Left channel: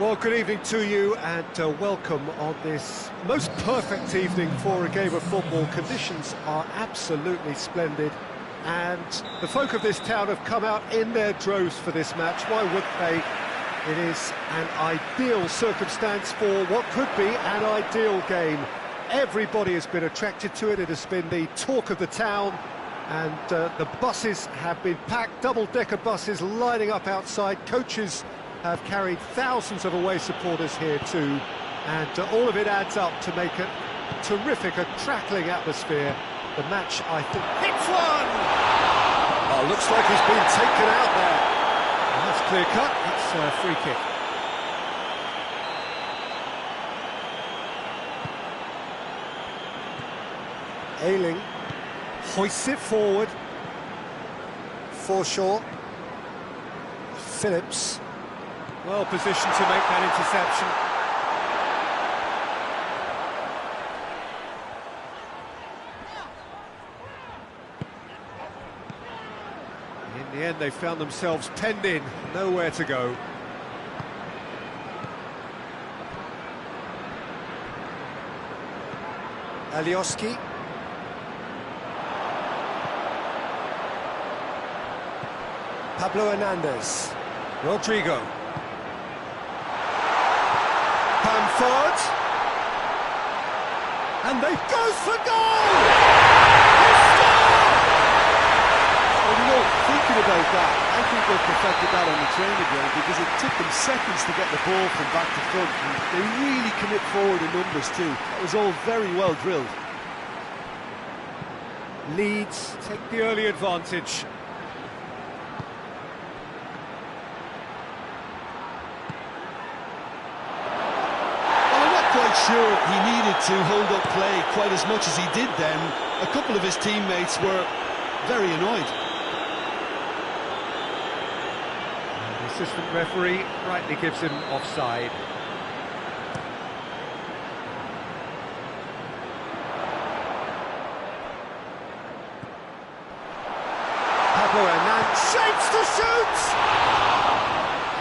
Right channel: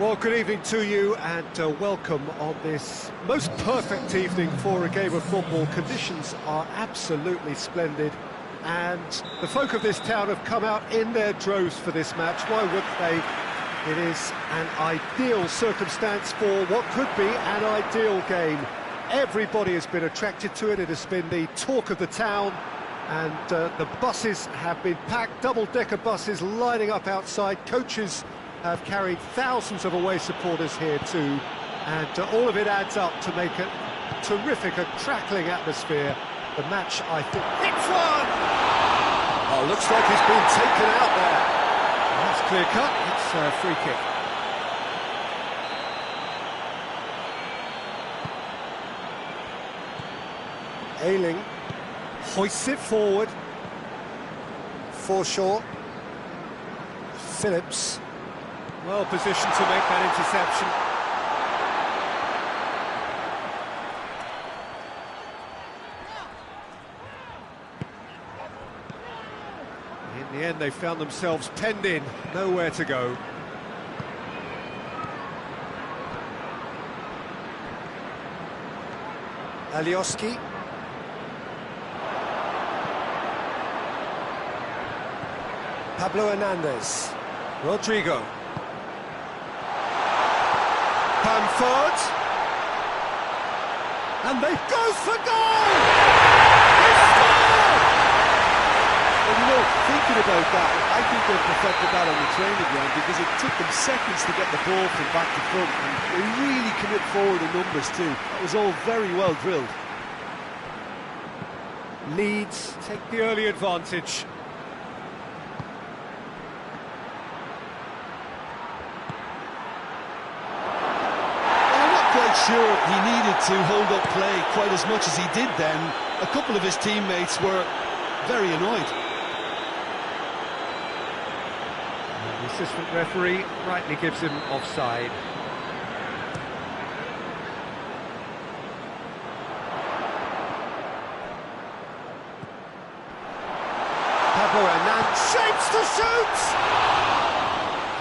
Well, good evening to you and welcome on this most perfect evening for a game of football. Conditions are absolutely splendid and the folk of this town have come out in their droves for this match. Why would they? It is an ideal circumstance for what could be an ideal game. Everybody has been attracted to it. It has been the talk of the town, and the buses have been packed, double-decker buses lining up outside. Coaches have carried thousands of away supporters here too, and all of it adds up to make a terrific, a crackling atmosphere. The match, I think, hits one! Oh, looks like he's been taken out there. That's clear cut, it's a free kick. Ayling hoists it forward. Forshaw. Phillips. Well positioned to make that interception. In the end, they found themselves penned in, nowhere to go. Alioski. Pablo Hernandez. Rodrigo. Bamford. And they go for goal! He scored! Well, you know, thinking about that, I think they've perfected that on the training ground because it took them seconds to get the ball from back to front, and they really commit forward in numbers too. That was all very well drilled. Leeds take the early advantage. Quite sure he needed to hold up play quite as much as he did then. A couple of his teammates were very annoyed. And the assistant referee rightly gives him offside. Pablo Hernandez shapes to shoot!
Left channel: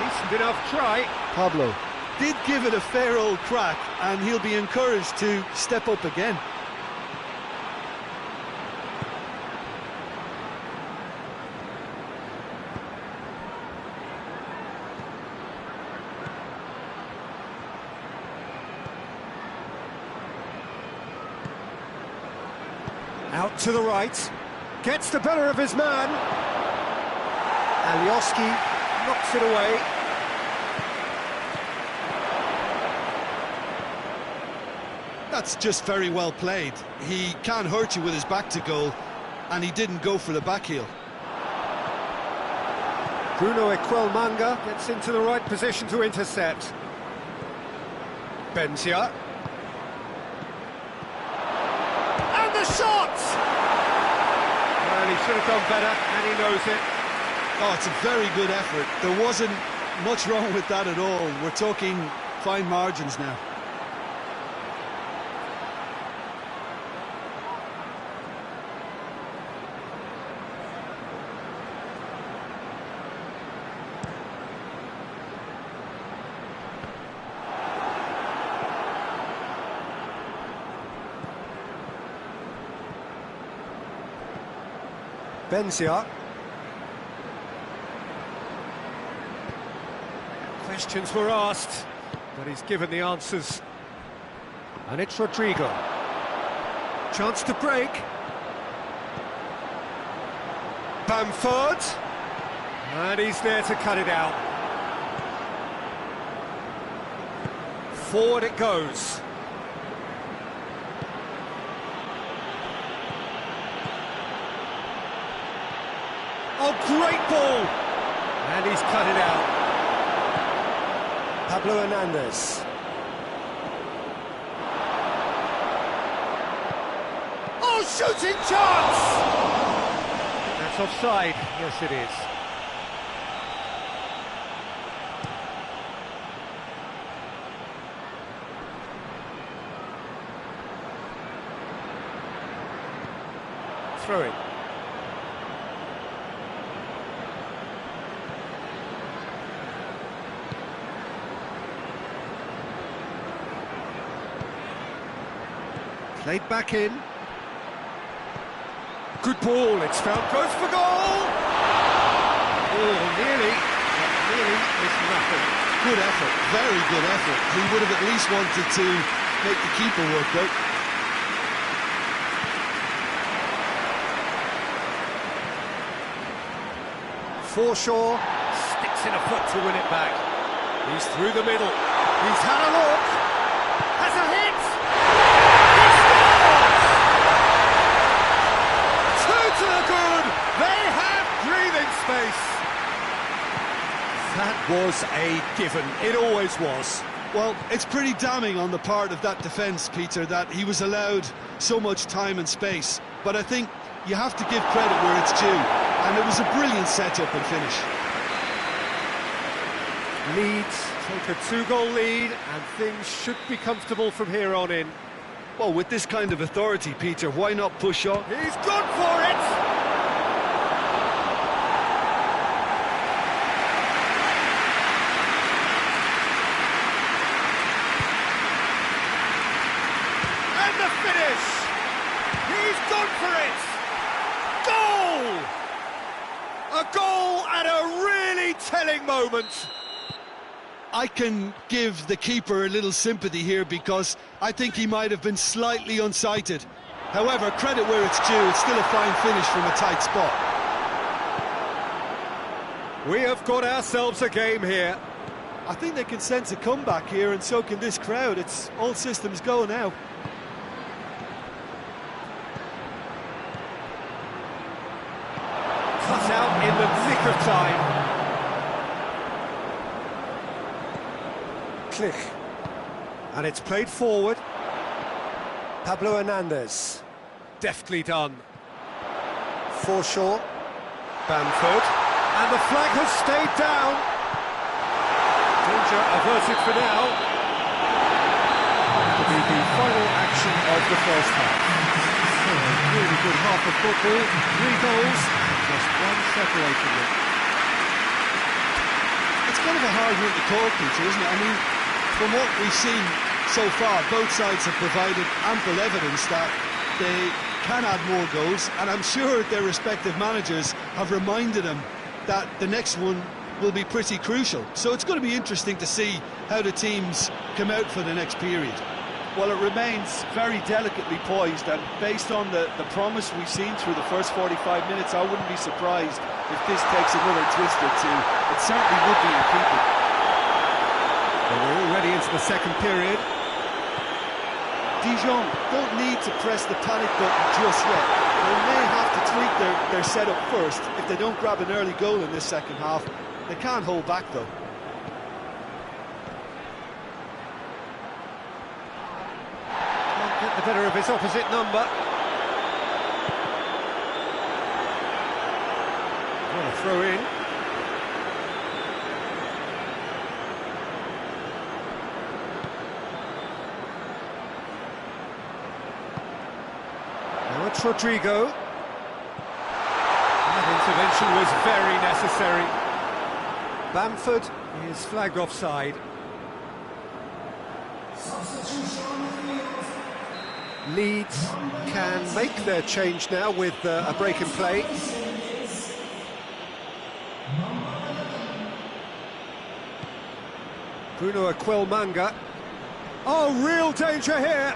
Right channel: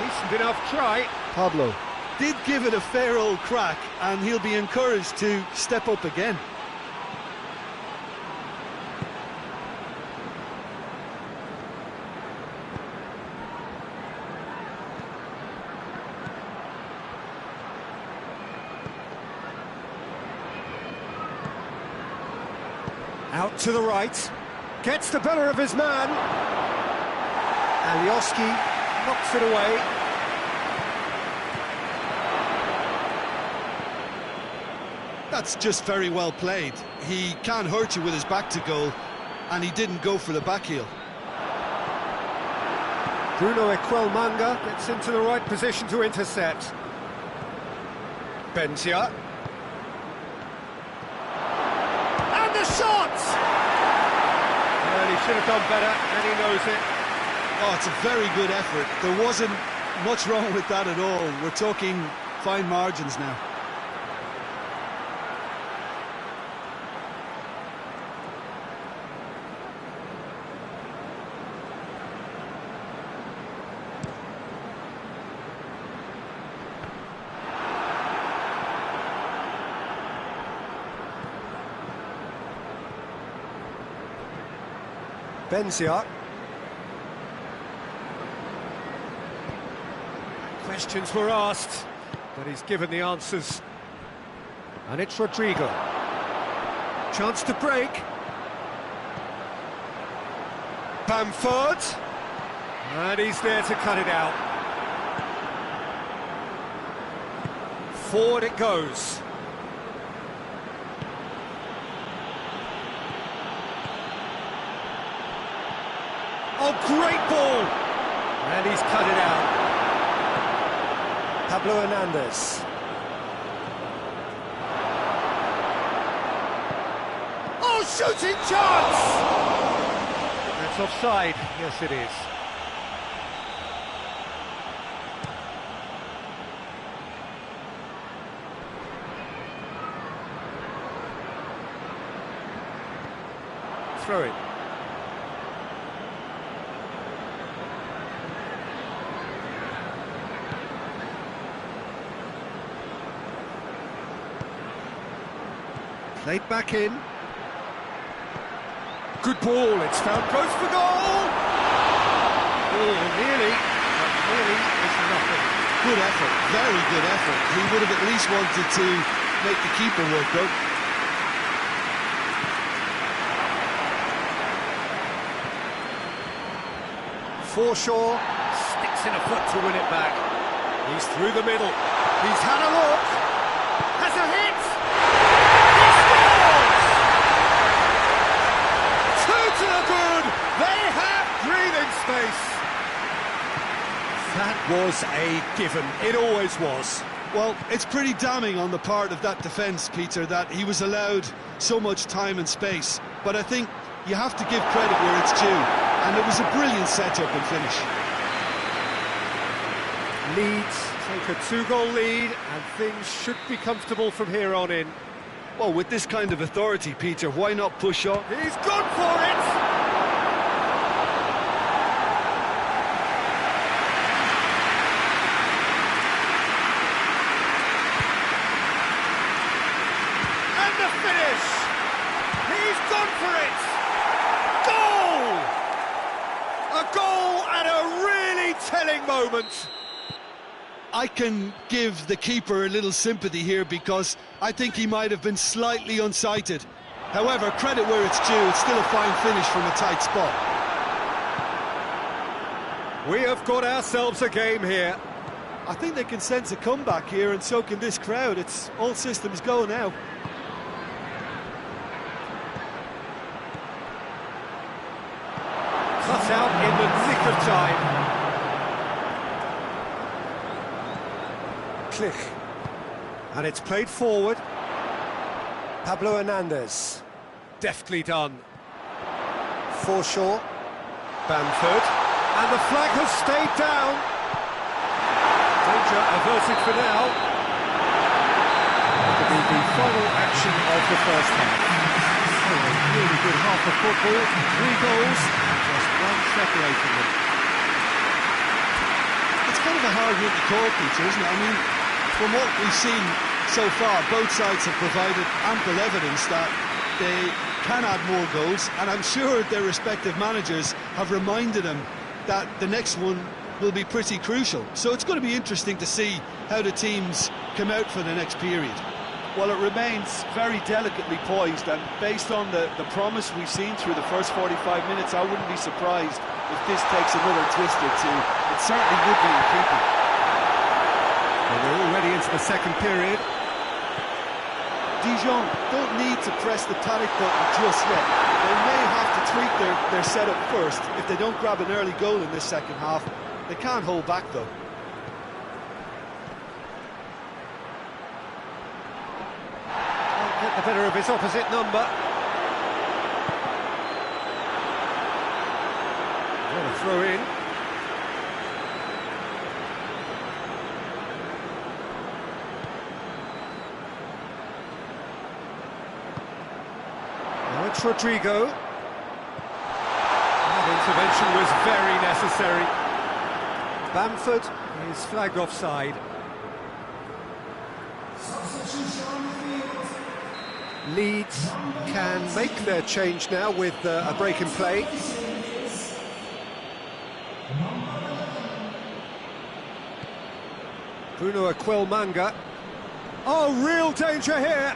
Decent enough try. Pablo did give it a fair old crack, and he'll be encouraged to step up again. Out to the right, gets the better of his man. Alioski knocks it away. That's just very well played. He can't hurt you with his back to goal, and he didn't go for the back heel. Bruno Equelmanga gets into the right position to intercept. Benzia. And the shot! Well, he should have done better, and he knows it. Oh, it's a very good effort. There wasn't much wrong with that at all. We're talking fine margins now. Benzia. Questions were asked, but he's given the answers. And it's Rodrigo. Chance to break. Bamford. And he's there to cut it out. Forward it goes. Oh, great ball! And he's cut it out. Pablo Hernandez. Oh, shooting chance! That's offside. Yes, it is. Throw it. Played back in. Good ball, it's found close for goal! Oh, nearly, but nearly is nothing. Good effort, very good effort. He would have at least wanted to make the keeper work though. Forshaw sticks in a foot to win it back. He's through the middle. He's had a look. Has a hit. He scores! Two to the good. They have breathing space. That was a given. It always was. Well, it's pretty damning on the part of that defence, Peter, that he was allowed so much time and space. But I think you have to give credit where it's due. And it was a brilliant setup and finish. Leeds take a 2-goal lead, and things should be comfortable from here on in. Well, with this kind of authority, Peter, why not push on? He's gone for it! And the finish! He's gone for it! Goal! A goal at a really telling moment. I can give the keeper a little sympathy here because I think he might have been slightly unsighted. However, credit where it's due, it's still a fine finish from a tight spot. We have got ourselves a game here. I think they can sense a comeback here, and so can this crowd. It's all systems go now. Cut out in the nick of time. Click. And it's played forward. Pablo Hernandez. Deftly done. Forshaw. Bamford. And the flag has stayed down. Danger averted for now. It'll be the final action of the first half. So a really good half of football. 3 goals and just one separating them. It's kind of a hard one to call, Peter, isn't it? I mean, from what we've seen so far, both sides have provided ample evidence that they can add more goals, and I'm sure their respective managers have reminded them that the next one will be pretty crucial. So it's going to be interesting to see how the teams come out for the next period. Well, it remains very delicately poised, and based on the promise we've seen through the first 45 minutes, I wouldn't be surprised if this takes another twist or two. It certainly would be in keeping. Well, we're already into the second period. Dijon don't need to press the panic button just yet. They may have to tweak their setup first. If they don't grab an early goal in this second half, they can't hold back though. Can't get the better of his opposite number. What a throw in. Now it's Rodrigo. That intervention was very necessary. Bamford is flagged offside. Leeds can make their change now with a break in play. Bruno Aquilmanga. Oh, real danger here!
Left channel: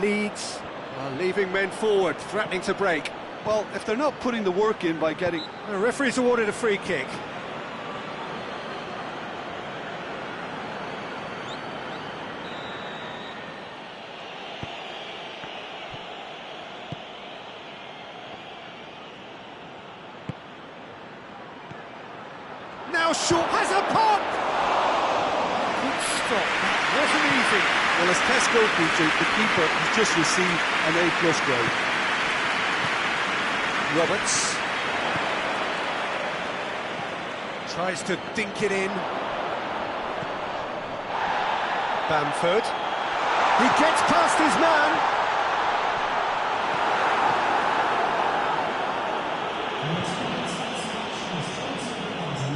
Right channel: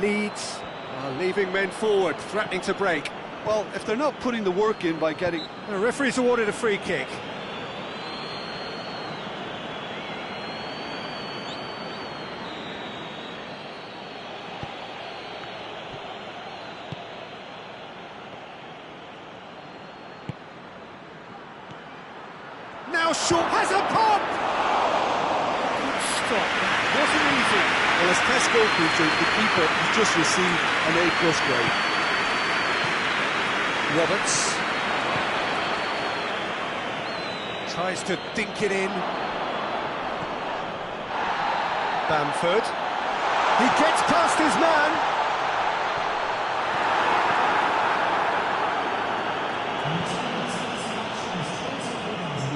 Leeds are leaving men forward, threatening to break. Well, if they're not putting the work in by getting... The referee's awarded a free kick. Now Shaw has a pop! Good stop, that wasn't easy. Well, as tests go, Peter, the keeper has just received an A+ grade. Roberts tries to dink it in. Bamford. He gets past his man.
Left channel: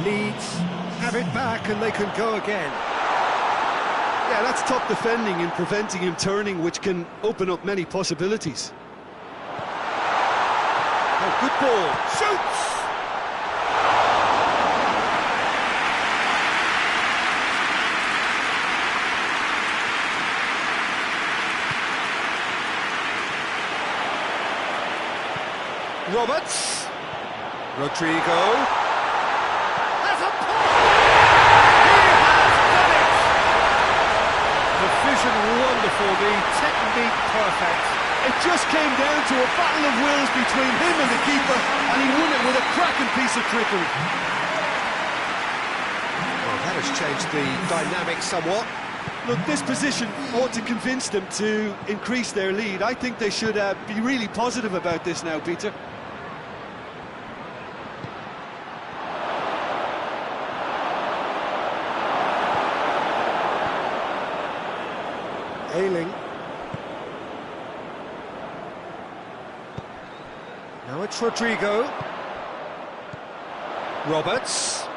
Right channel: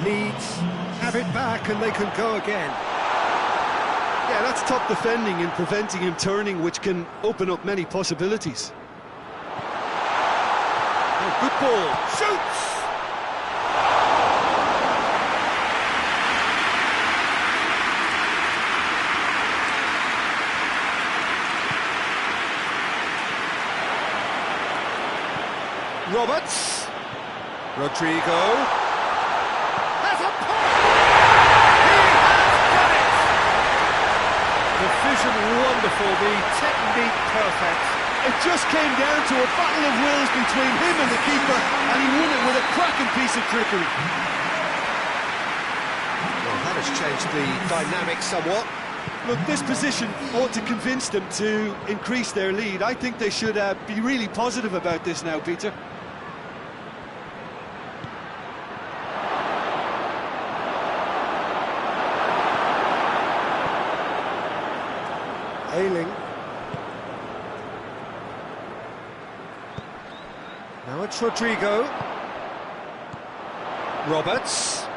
Leeds have it back and they can go again. Yeah, that's top defending and preventing him turning, which can open up many possibilities. Oh, good ball. Shoots! Roberts. Rodrigo. Has a pop! He has done it! The vision wonderful, the technique perfect. It just came down to a battle of wills between him and the keeper, and he won it with a cracking piece of trickery. Well, that has changed the dynamic somewhat. Look, this position ought to convince them to increase their lead. I think they should be really positive about this now, Peter. Ailing. Now it's Rodrigo. Roberts.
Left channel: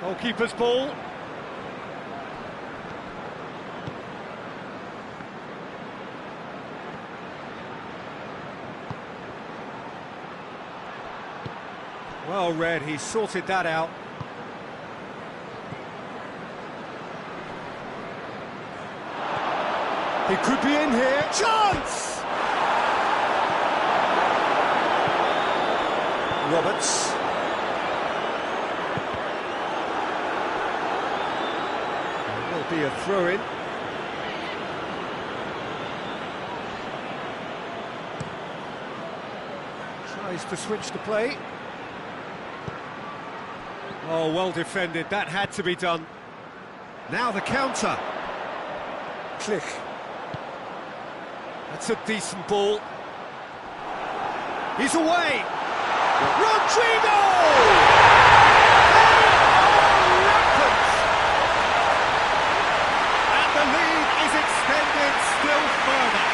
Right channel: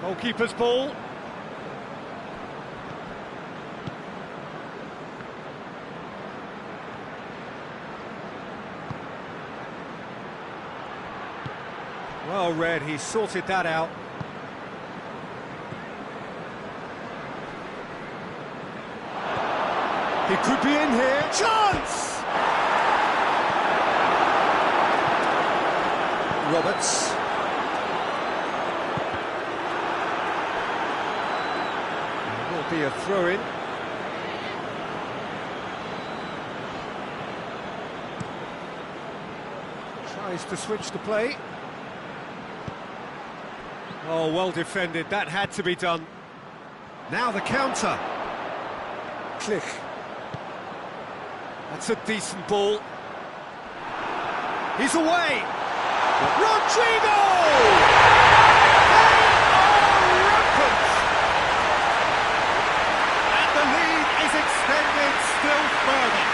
Goalkeeper's ball. Well read, he sorted that out. He could be in here. Chance! Roberts. There will be a throw-in. Tries to switch the play. Oh, well defended, that had to be done. Now the counter. Click. That's a decent ball. He's away! Rodrigo! They are rampant! And the lead is extended still further.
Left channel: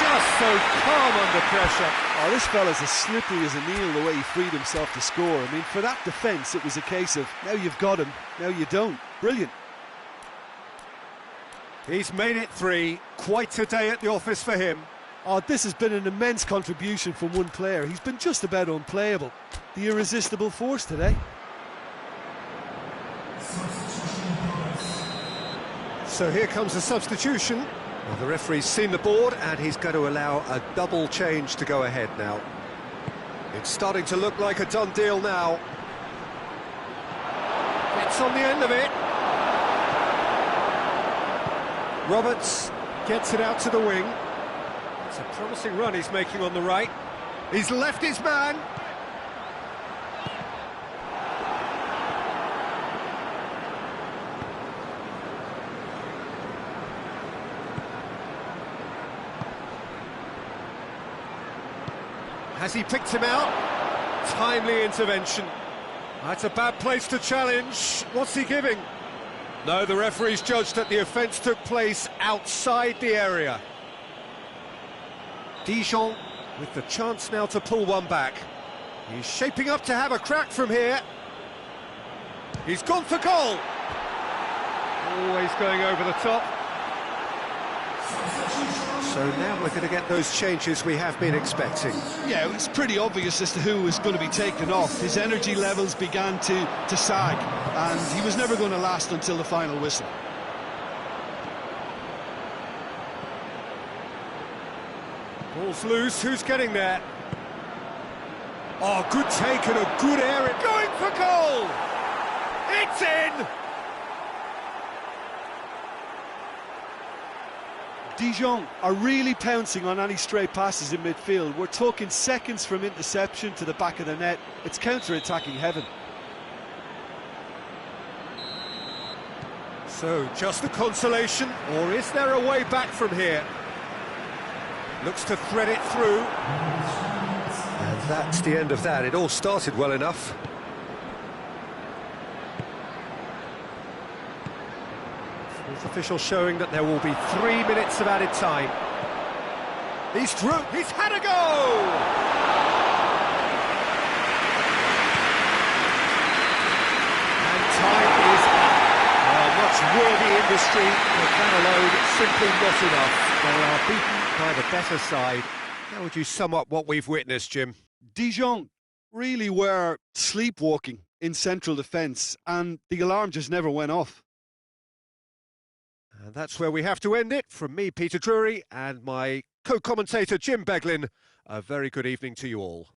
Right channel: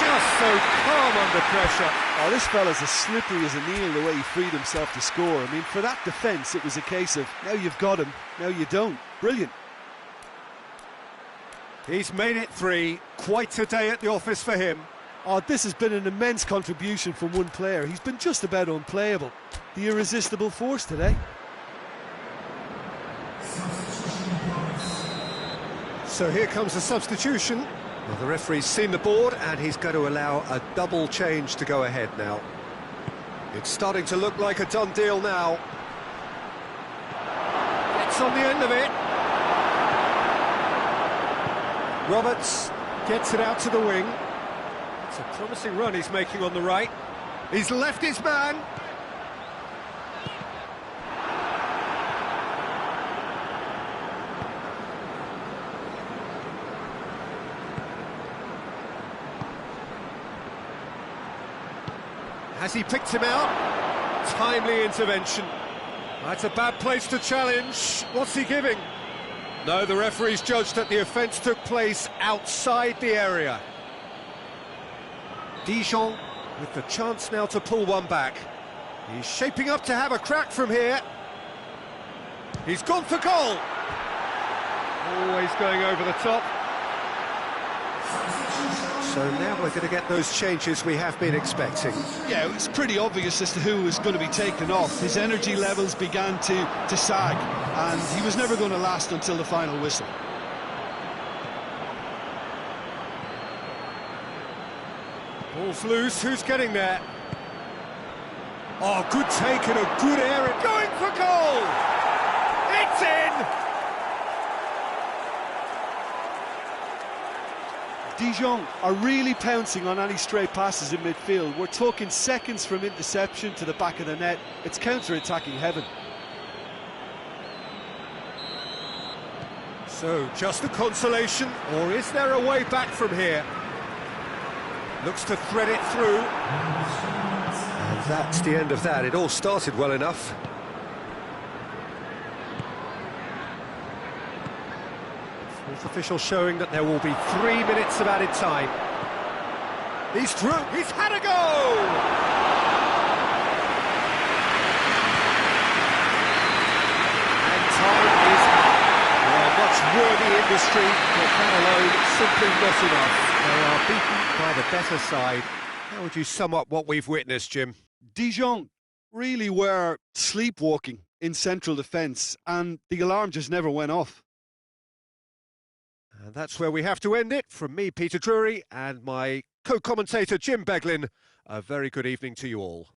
Just so calm under pressure. Oh, this fella's as slippery as a needle the way he freed himself to score. I mean, for that defence, it was a case of, now you've got him, now you don't. Brilliant. He's made it 3. Quite a day at the office for him. Oh, this has been an immense contribution from one player. He's been just about unplayable. The irresistible force today. So here comes the substitution. Well, the referee's seen the board and he's going to allow a double change to go ahead now. It's starting to look like a done deal now. Gets on the end of it. Roberts gets it out to the wing. It's a promising run he's making on the right. He's left his man. Has he picked him out? Timely intervention. That's a bad place to challenge. What's he giving? No, the referee's judged that the offence took place outside the area. Dijon with the chance now to pull one back. He's shaping up to have a crack from here. He's gone for goal. Always going over the top. So now we're going to get those changes we have been expecting. Yeah, it was pretty obvious as to who was going to be taken off. His energy levels began to sag, and he was never going to last until the final whistle. Ball's loose, who's getting there? Oh, good take and a good area. Going for goal! It's in! Dijon are really pouncing on any stray passes in midfield. We're talking seconds from interception to the back of the net. It's counter-attacking heaven. So, just a consolation, or is there a way back from here? Looks to thread it through. And that's the end of that. It all started well enough. Fourth official showing that there will be 3 minutes of added time. He's through, he's had a go! time is up. Well, much worthy industry, but that alone simply not enough. They are beaten by the better side. How would you sum up what we've witnessed, Jim? Dijon really were sleepwalking in central defence, and the alarm just never went off. And that's where we have to end it. From me, Peter Drury, and my co-commentator, Jim Beglin, a very good evening to you all.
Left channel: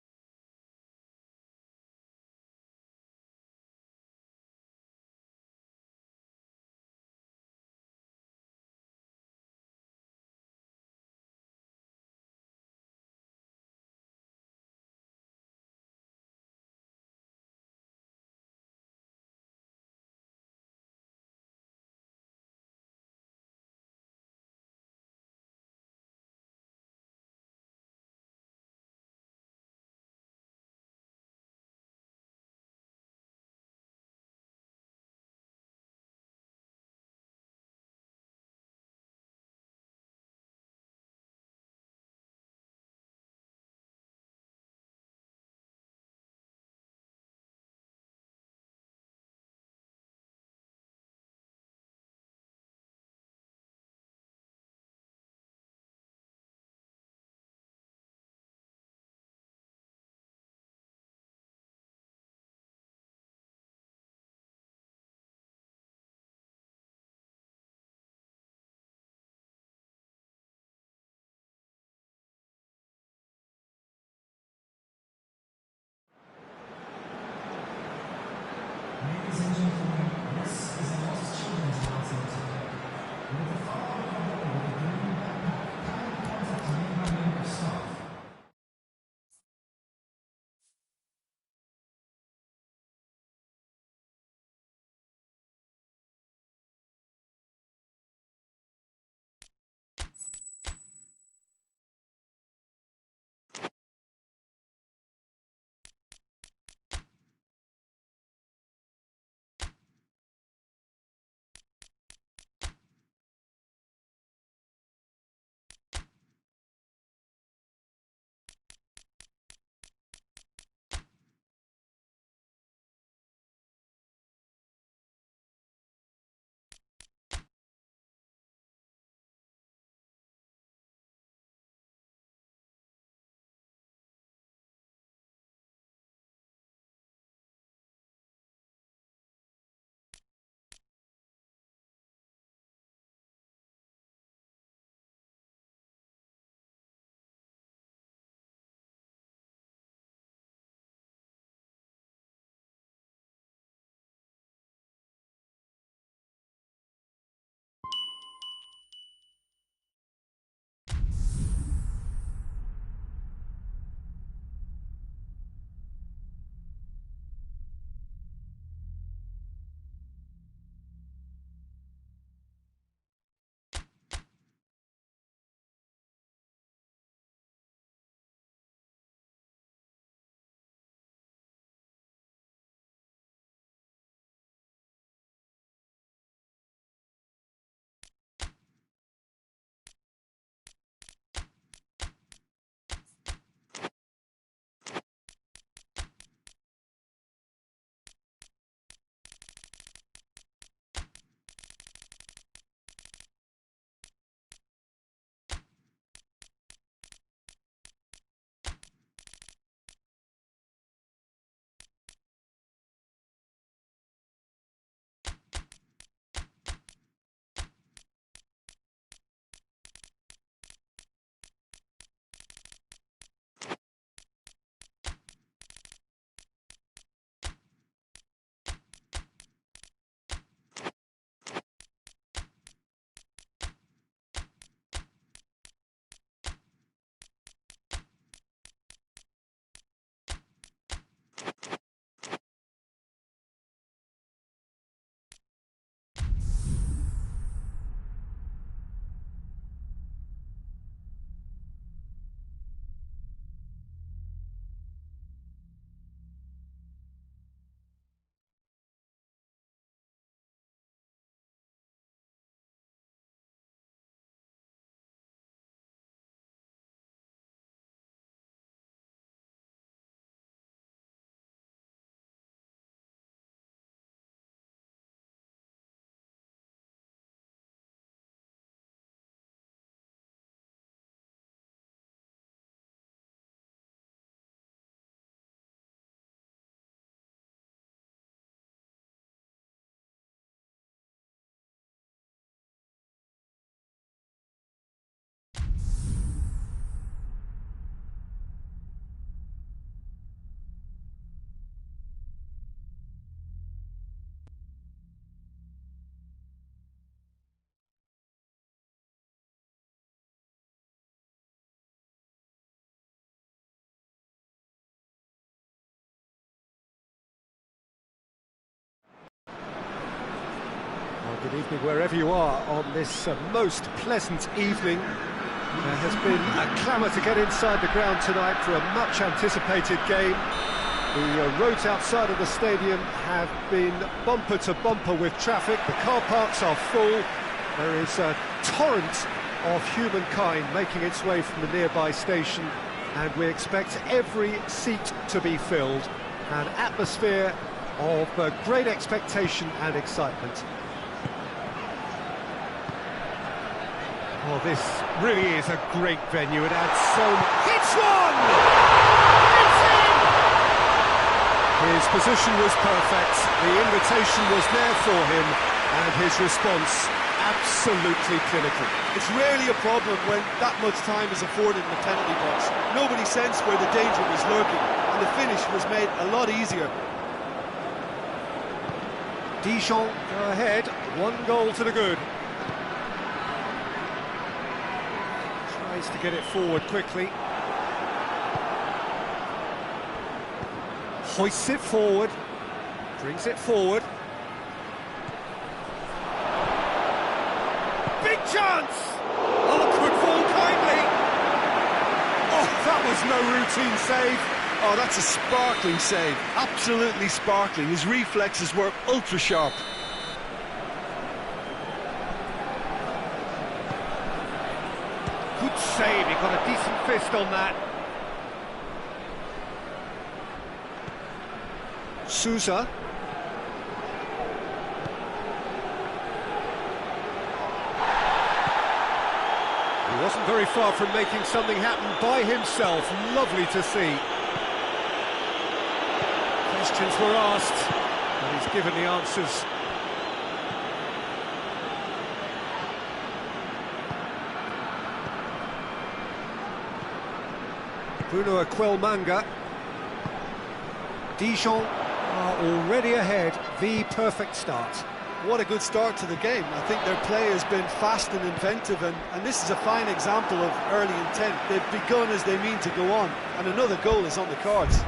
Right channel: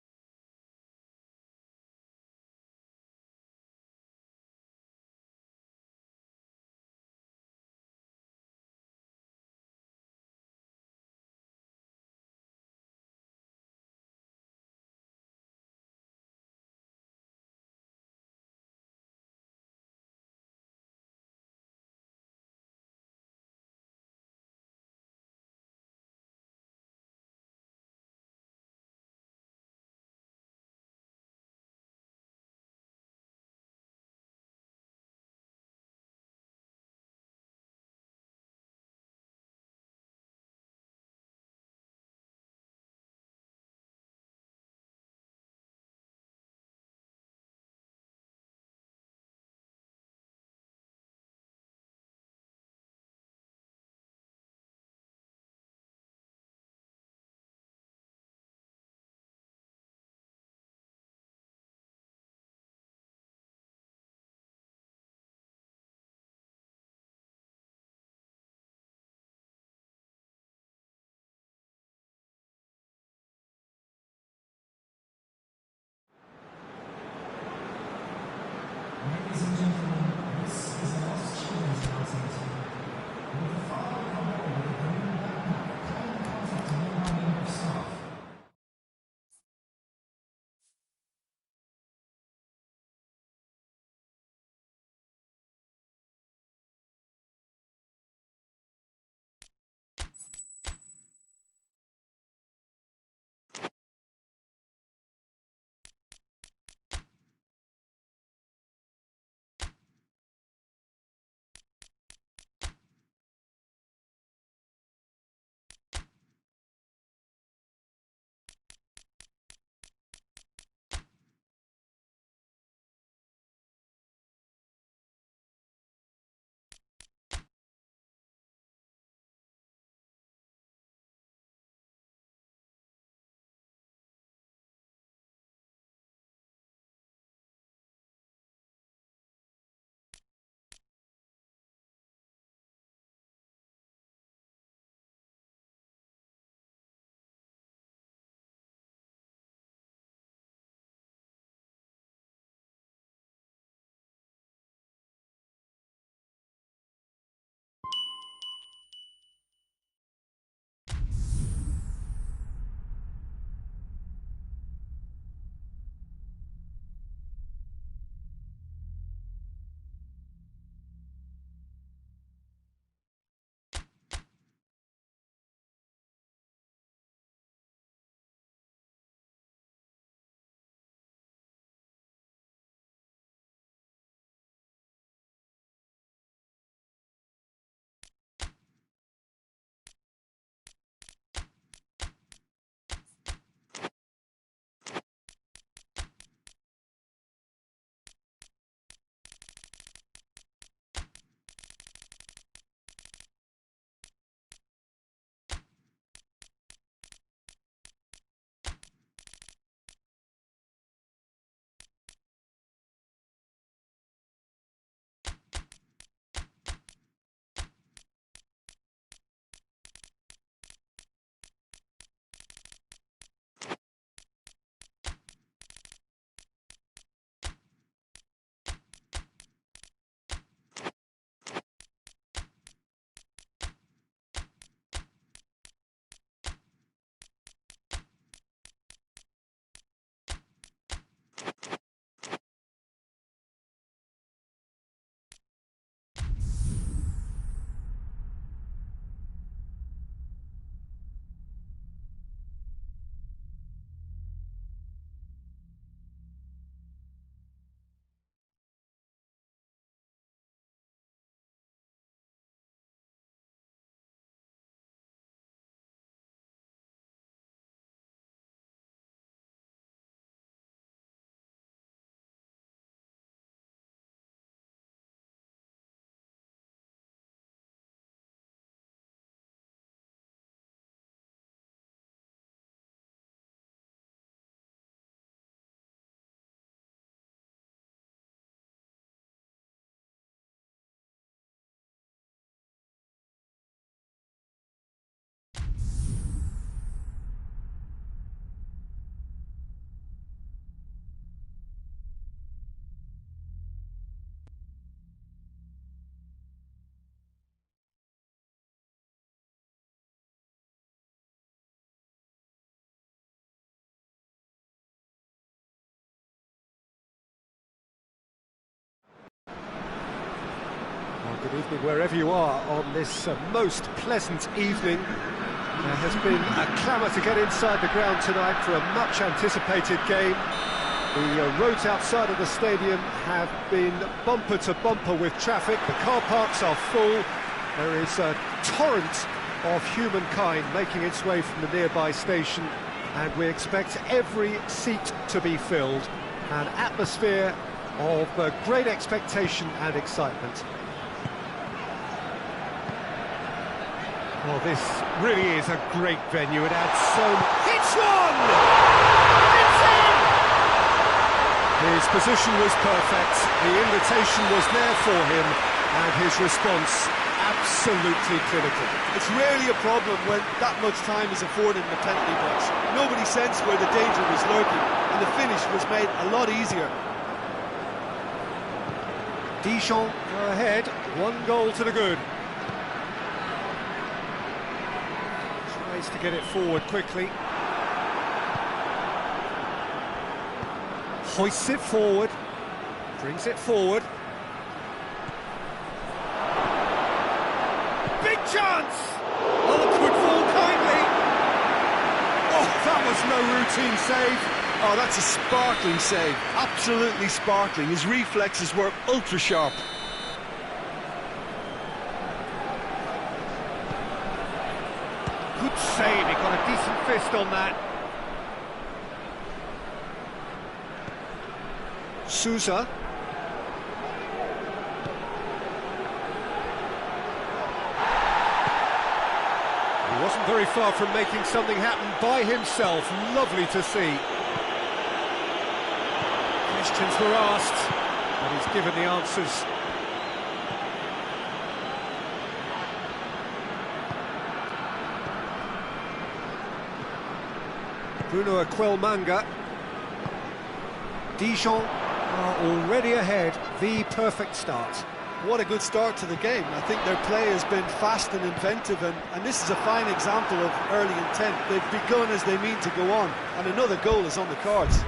Well, good evening wherever you are on this most pleasant evening. There has been a clamour to get inside the ground tonight for a much-anticipated game. The roads outside of the stadium have been bumper to bumper with traffic. The car parks are full. There is a torrent of humankind making its way from the nearby station, and we expect every seat to be filled. An atmosphere of great expectation and excitement. Well, this really is a great venue. It adds so much. Hits one! It's in! His position was perfect. The invitation was there for him, and his response absolutely clinical. It's rarely a problem when that much time is afforded in the penalty box. Nobody sensed where the danger was lurking, and the finish was made a lot easier. Dijon go ahead, 1 goal to the good. Tries to get it forward quickly. Hoists it forward, brings it forward. Big chance! Oh, could fall kindly. Oh, that was no routine save. Oh, that's a sparkling save. Absolutely sparkling. His reflexes were ultra sharp. Good save, he got a decent fist on that. Sousa. He wasn't very far from making something happen by himself. Lovely to see. Questions were asked, but he's given the answers. Bruno Aquelmanga. Dijon are already ahead. The perfect start. What a good start to the game. I think their play has been fast and inventive, and this is a fine example of early intent. They've begun as they mean to go on, and another goal is on the cards.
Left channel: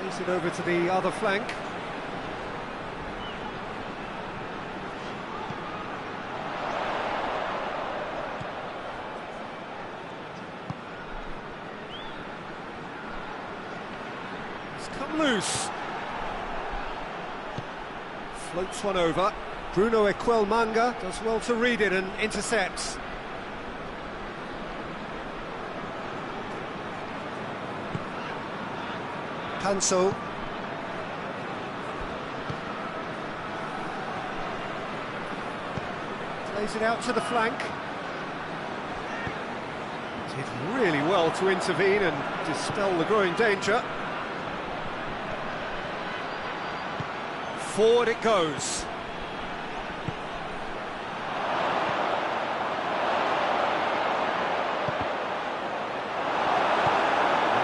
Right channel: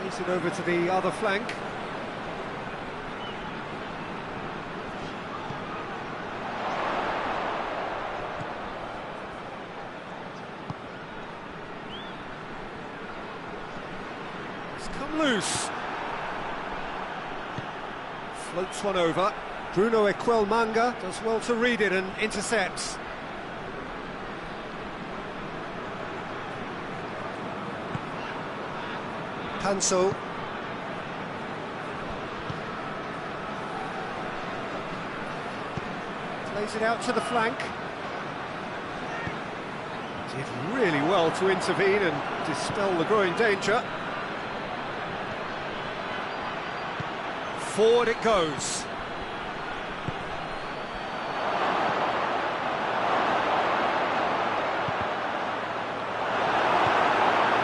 Plays it over to the other flank. It's come loose. Floats one over. Bruno Aquelmanga does well to read it and intercepts. Panso. Plays it out to the flank. Did really well to intervene and dispel the growing danger. Forward it goes.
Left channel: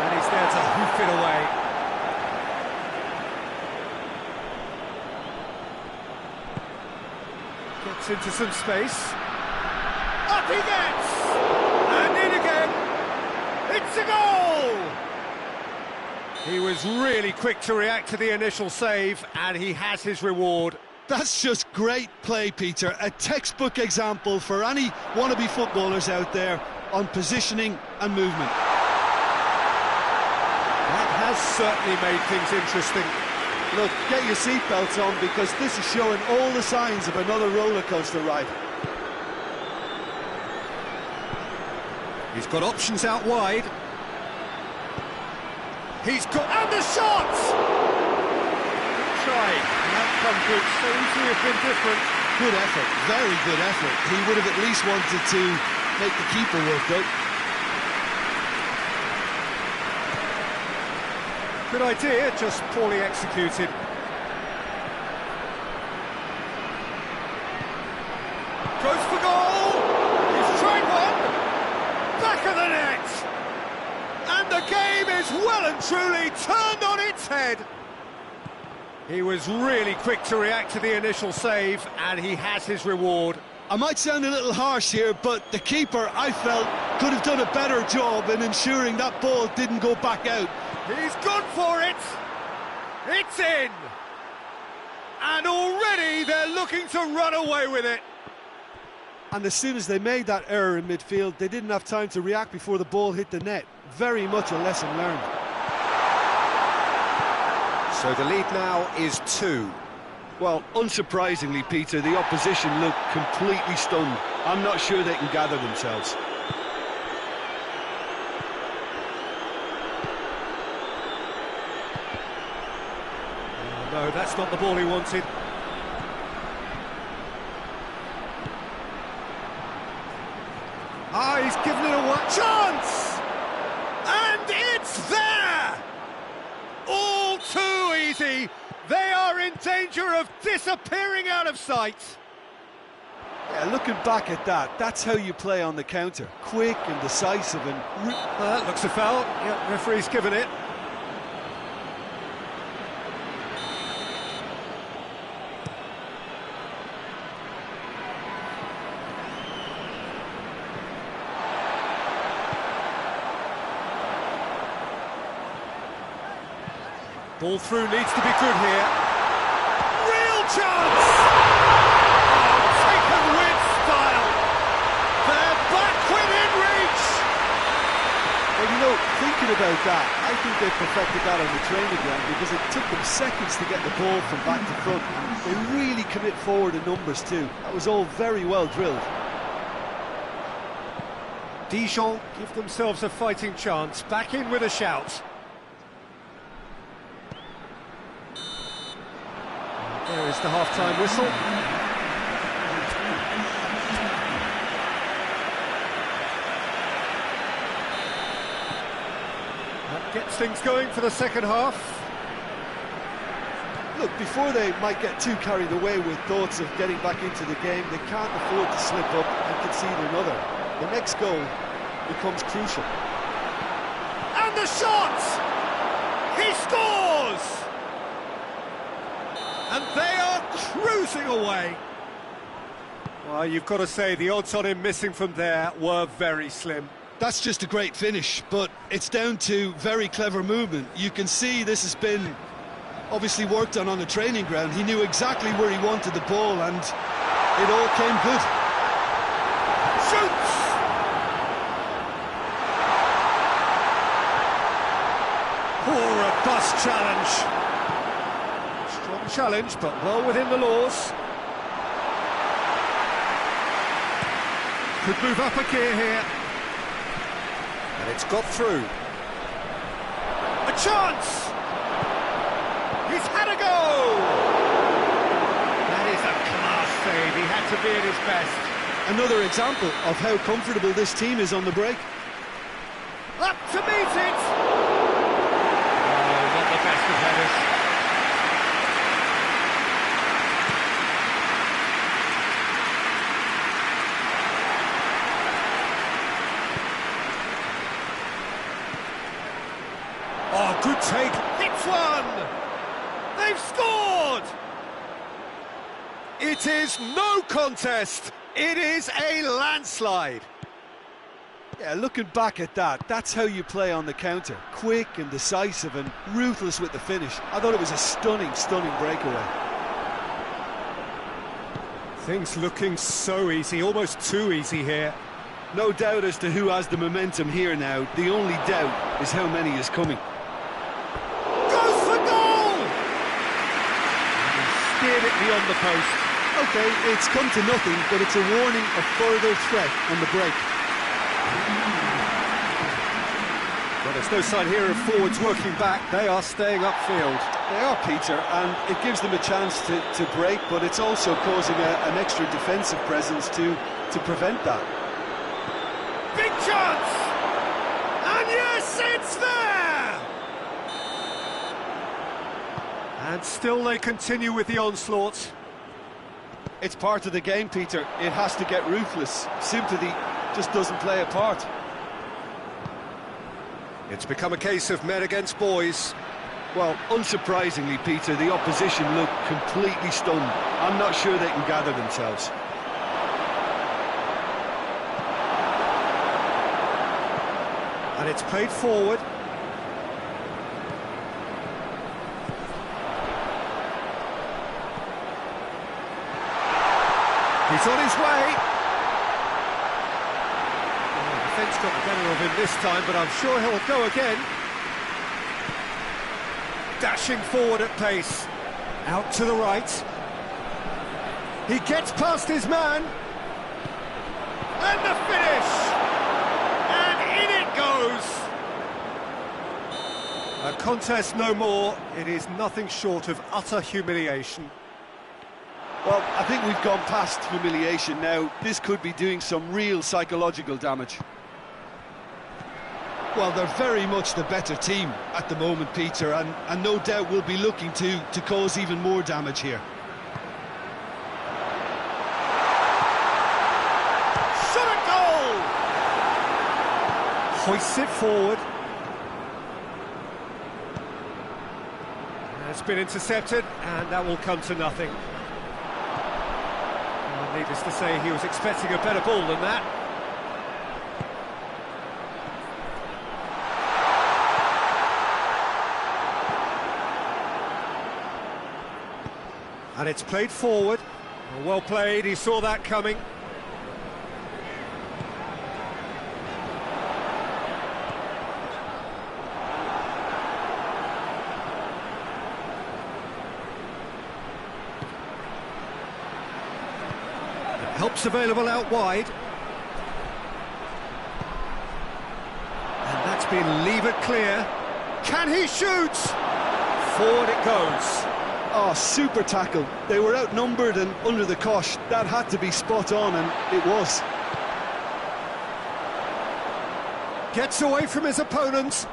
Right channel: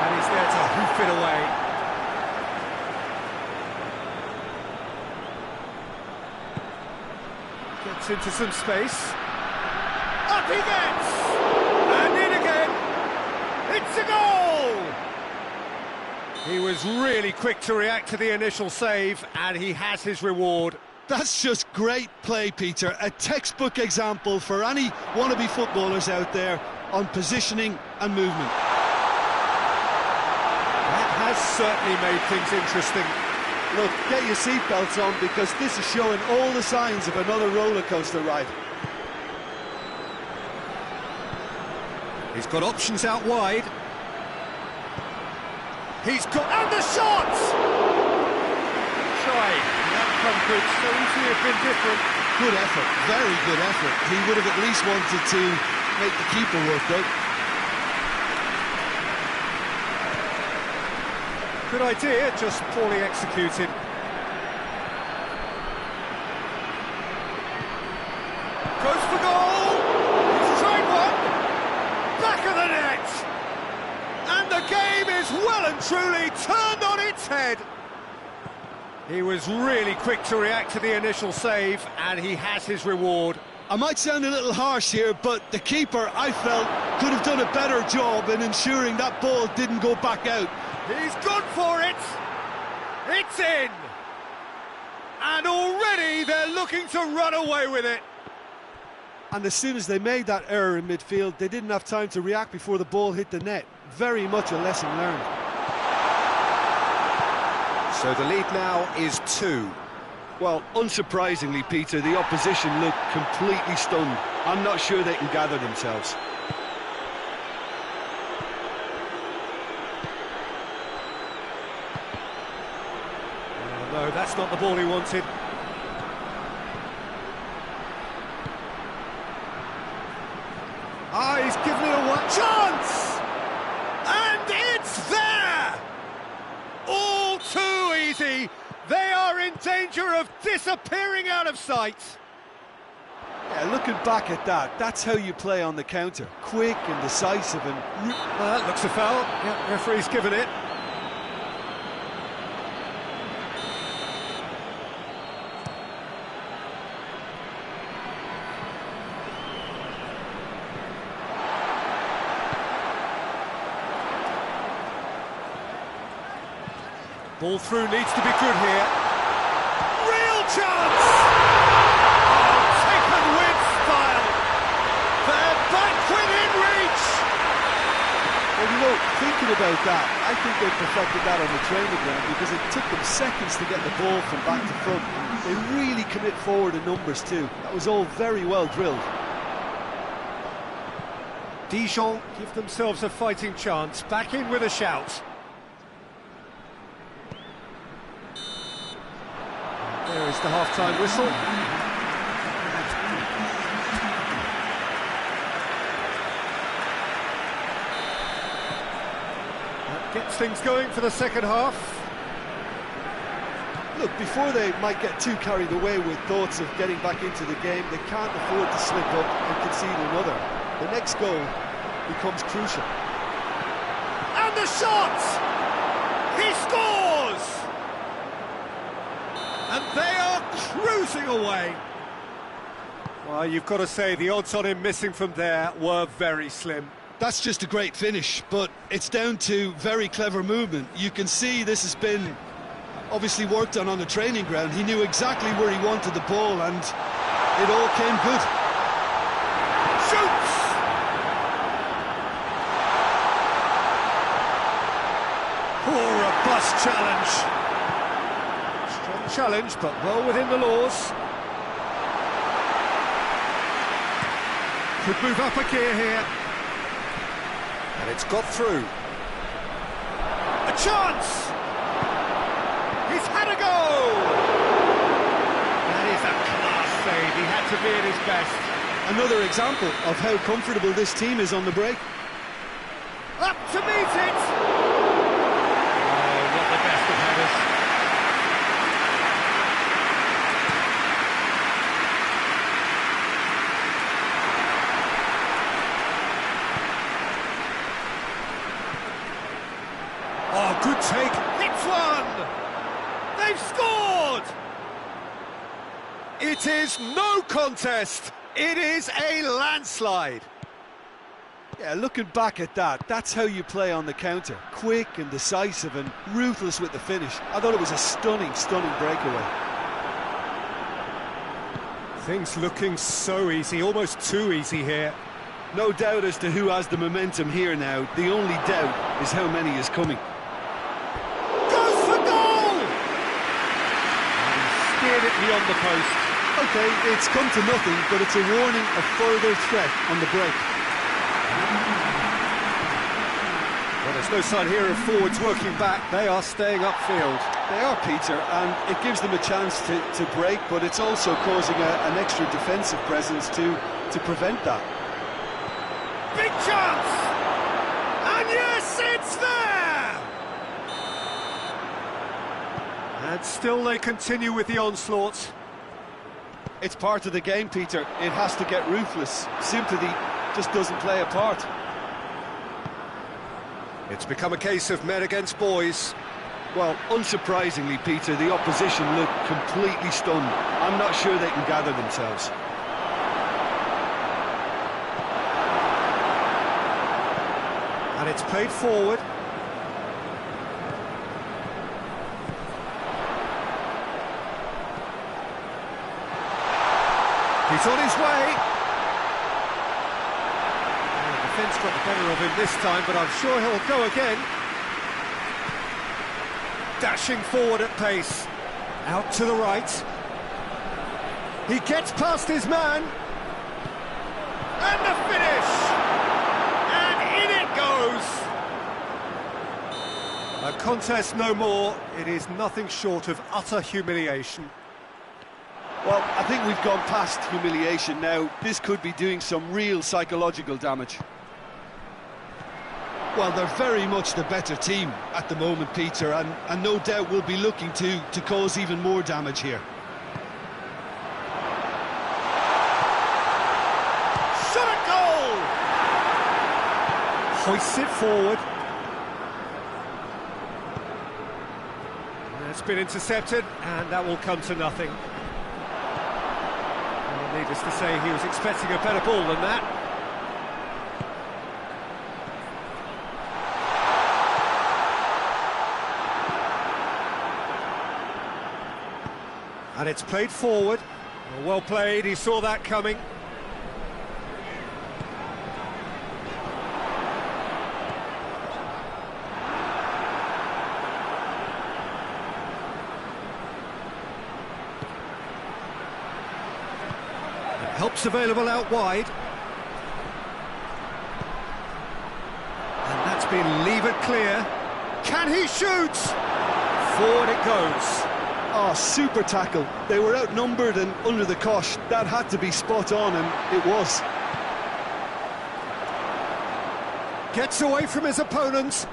And he's there to hoof it away. Gets into some space. Up he gets! And in again! It's a goal! He was really quick to react to the initial save, and he has his reward. That's just great play, Peter. A textbook example for any wannabe footballers out there on positioning and movement. That has certainly made things interesting. Look, get your seatbelts on, because this is showing all the signs of another roller coaster ride. He's got options out wide. He's got... And the shot! Good try. The outcome could so easily have been different. Good effort, very good effort. He would have at least wanted to make the keeper work, though. Good idea, just poorly executed. Goes for goal! He's tried one! Back of the net! And the game is well and truly turned on its head. He was really quick to react to the initial save, and he has his reward. I might sound a little harsh here, but the keeper, I felt, could have done a better job in ensuring that ball didn't go back out. He's gone for it! It's in! And already they're looking to run away with it. And as soon as they made that error in midfield, they didn't have time to react before the ball hit the net. Very much a lesson learned. So the lead now is 2. Well, unsurprisingly, Peter, the opposition look completely stunned. I'm not sure they can gather themselves. Oh, no, that's not the ball he wanted. Ah, he's given it a chance! And it's there! All too easy. They are in danger of disappearing out of sight. Yeah, looking back at that, that's how you play on the counter. Quick and decisive and... That looks a foul. Yeah, referee's given it. Ball through needs to be good here. Real chance! Oh, taken with style. They're back within reach. Well, you know, thinking about that, I think they perfected that on the training ground because it took them seconds to get the ball from back to front. And they really commit forward in numbers too. That was all very well drilled. Dijon give themselves a fighting chance. Back in with a shout. There is the half-time whistle. That gets things going for the second half. Look, before they might get too carried away with thoughts of getting back into the game, they can't afford to slip up and concede another. The next goal becomes crucial. And the shot! He scores! And they are cruising away. Well, you've got to say, the odds on him missing from there were very slim. That's just a great finish, but it's down to very clever movement. You can see this has been obviously worked on the training ground. He knew exactly where he wanted the ball, and it all came good. Shoots! Poor robust challenge. Strong challenge, but well within the laws. Could move up a gear here. And it's got through. A chance! He's had a go! That is a class save. He had to be at his best. Another example of how comfortable this team is on the break. Up to meet it! Oh, not the best of headers. Oh, good take. Hits one! They've scored! It is no contest. It is a landslide. Yeah, looking back at that, that's how you play on the counter. Quick and decisive and ruthless with the finish. I thought it was a stunning, stunning breakaway. Things looking so easy, almost too easy here. No doubt as to who has the momentum here now. The only doubt is how many is coming. Goes for goal! And he steered it beyond the post. Okay, it's come to nothing, but it's a warning of further threat on the break. Well, there's no sign here of forwards working back. They are staying upfield. They are, Peter, and it gives them a chance to break, but it's also causing an extra defensive presence to prevent that. Big chance! And yes, it's there! And still they continue with the onslaught. It's part of the game, Peter. It has to get ruthless. Sympathy just doesn't play a part. It's become a case of men against boys. Well, unsurprisingly, Peter, the opposition look completely stunned. I'm not sure they can gather themselves. And it's played forward. He's on his way. Oh, the defence got the better of him this time, but I'm sure he'll go again. Dashing forward at pace. Out to the right. He gets past his man. And the finish! And in it goes! A contest no more. It is nothing short of utter humiliation. Well, I think we've gone past humiliation now. This could be doing some real psychological damage. Well, they're very much the better team at the moment, Peter, and no doubt will be looking to cause even more damage here. Shot at goal! Hoists it forward. And it's been intercepted, and that will come to nothing. Well, needless to say, he was expecting a better ball than that. And it's played forward. Well played, he saw that coming. Help's available out wide. And that's been levered clear. Can he shoot? Forward it goes. Oh, super tackle. They were outnumbered and under the cosh. That had to be spot on, and it was. Gets away from his opponents.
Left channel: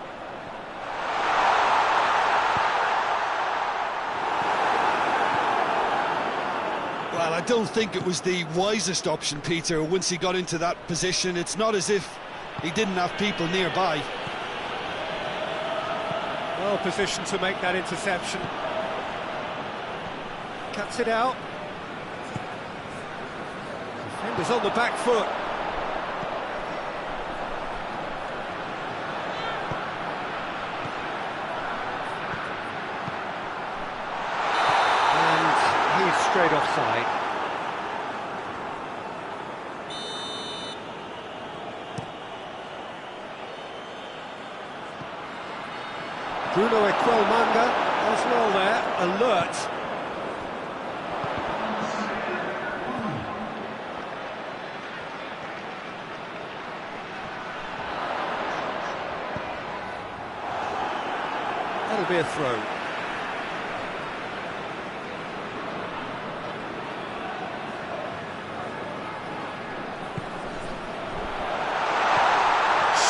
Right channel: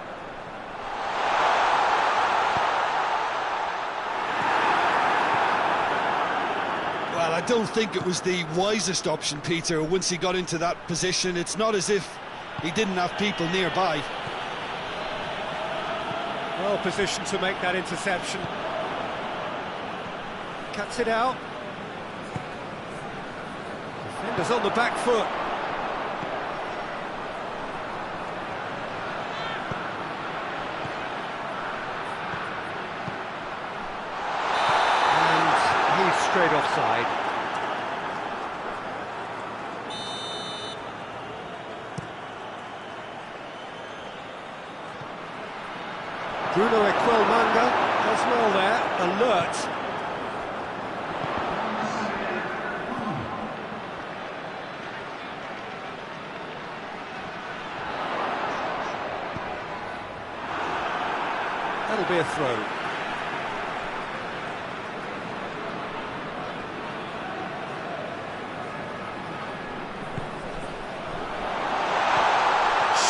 Well, I don't think it was the wisest option, Peter, once he got into that position. It's not as if he didn't have people nearby. Well positioned to make that interception. Cuts it out. Defender's on the back foot. And he's straight offside. Bruno Equelmanga does well there, alert. That'll be a throw.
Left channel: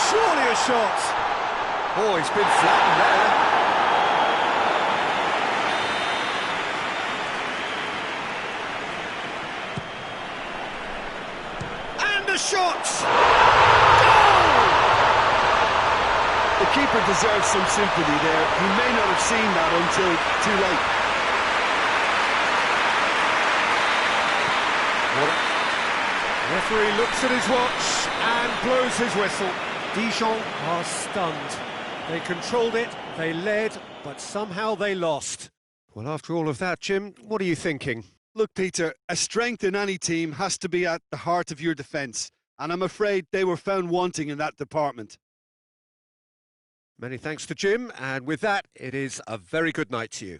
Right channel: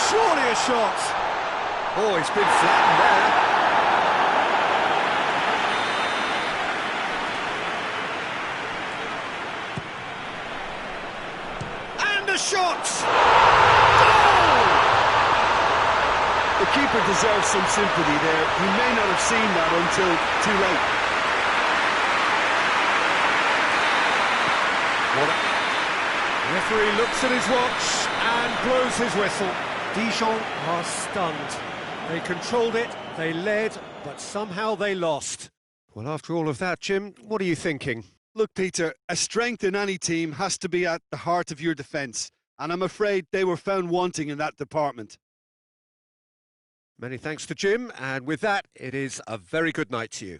Surely a shot. Oh, he's been flattened there. And a shot! The keeper deserves some sympathy there. He may not have seen that until too late. The referee looks at his watch and blows his whistle. Dijon are stunned. They controlled it, they led, but somehow they lost. Well, after all of that, Jim, what are you thinking? Look, Peter, a strength in any team has to be at the heart of your defence, and I'm afraid they were found wanting in that department. Many thanks to Jim, and with that, it is a very good night to you.